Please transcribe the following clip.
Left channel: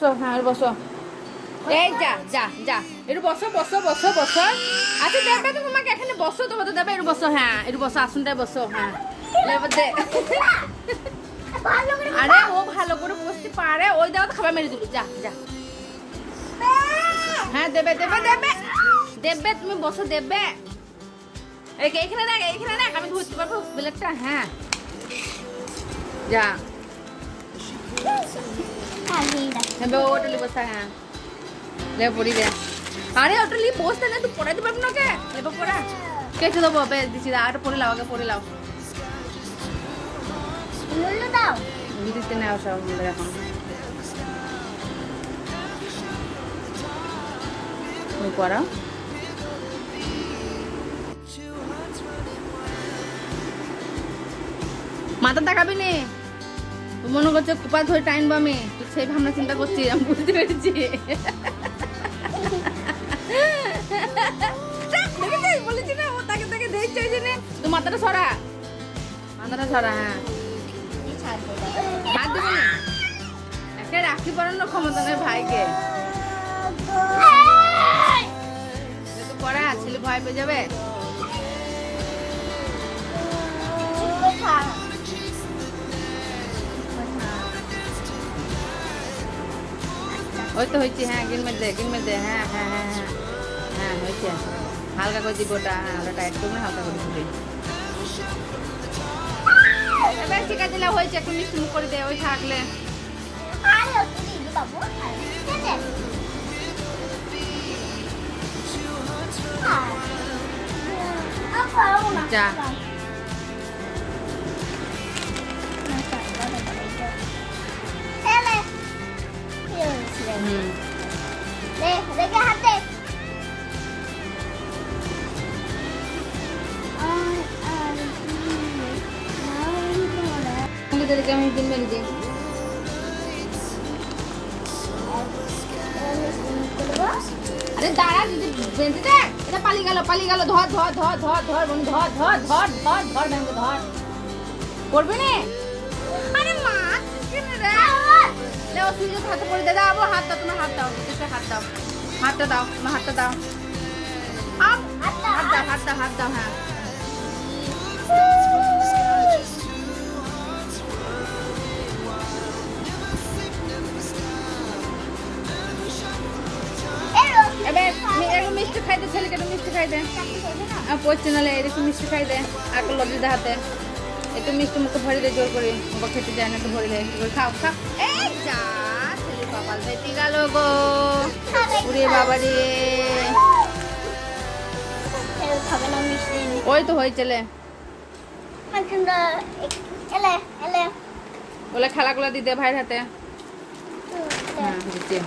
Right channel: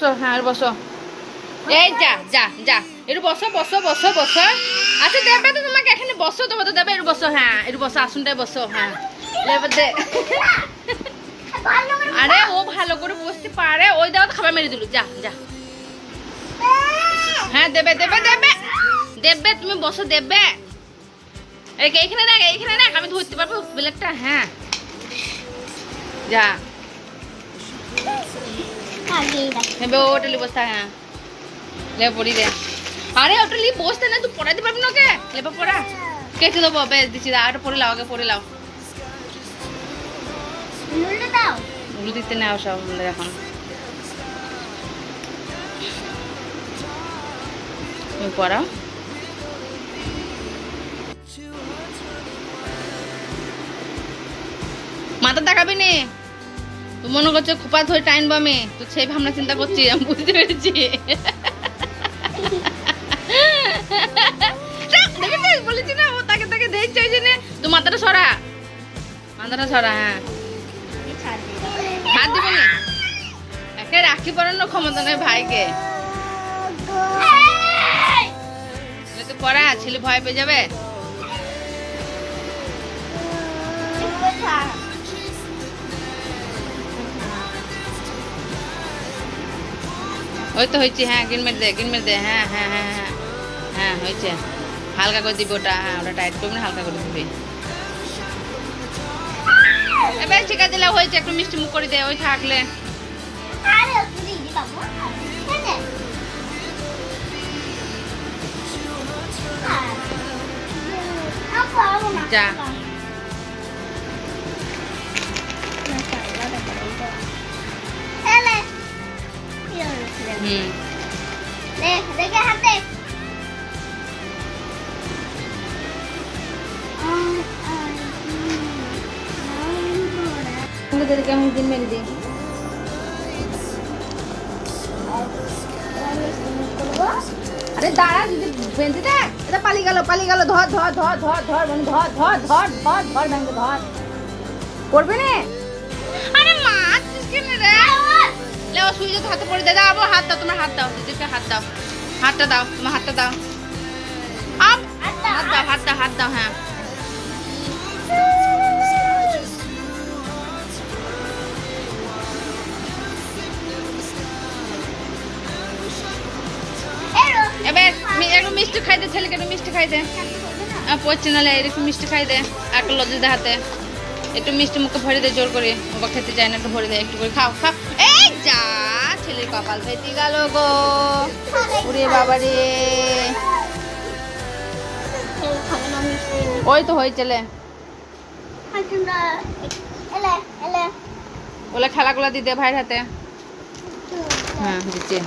হ্যাঁ বসো এই যা যা যা একটু বসো বসো বসো বসো আচ্ছা দেবে তো তোমাকে এখানে বসো তোমার তো দেবে একটু বসো হ্যাঁ একটু বসো আসনটায় বসো হ্যাঁ দেবে দে আরে ও ভালো করে বসতে পারে ওই দাও তো খাবার মেরে দিল যা যা হ্যাঁ দেবে দেবে দেবে দেবে তুমি বসো দেবে এইখানে রাখ আমি ধরতে পারবো প্লেটটা হ্যাঁ যা হ্যাঁ ওটলি বসতা হ্যাঁ লে পড়ি দে আরে ওটলি বসতে না তুই পড়াইতে পারবি না ওকে লেবা পড়া কেটে দেবো বেশ দিচ্ছি আরো পড়ে লাও আগে পড়ে লাও উল্টো দিতে নাও সব এখন তুমি পড়াও মাথা তাকাবি নে তুই মনে করছো খোপা ধরে টাইনবো আমি তো সেই ভাবনা চিন্তা করছি আমি বুঝতে পেরেছি বলেছি না ও তাকে তাকে দেখছে ওই জন্য তুই মাথাটা সরা হ্যাঁ হাত দিবি না একে রাখি পরানোর ক্ষমতা নেই ভাইকে তুই পড়া ছেলে ভয় পেয়ে যাবে ওই তো হয়েছে হ্যাঁ গিন মেরে দে হ্যাঁ হ্যাঁ হ্যাঁ হ্যাঁ হ্যাঁ হয়েছে হালকা করে দিবি ওটা হ্যাঁ ওটা টাইট করবি না হালকা করে দিবি এবার ঠিকা দিলে হয়েছে একটু মিষ্টি মুখ করে দে ওই থাকলে যা আরে দাঁড়া দিদি বেঁধে দেখ এটা পালিয়ে গেল ধর মানে ধর ভেঙে ধর করবে না আরে মাছ কেন রে লেও সুইজে হাতে পড়ে দে দাও হাত দাও তোমার হাত দাও দিদিকে হাত দাও হাতটা দাও তোমার হাতটা দাও আপ হাত দাও হ্যাঁ এবার একটু মিষ্টি খাই দে ছেলেকে একটু মিষ্টি খাই দে পড়ছে নাহলে একটু মিষ্টি খাই দে আর একটু লজ্জা দে হাতে একটু মিষ্টি মুখে ভরে দে জোর করে বাবা খেতে যায় না একটু ভরে দে একটু করে খাও এই যা ছেলের কপাল ফেটে গেল গো ওরে বাবা রে ওই তো হয়ে চলে ওলা খেলাগুলা দিতে ভাইয়ের হাতে হ্যাঁ দিচ্ছে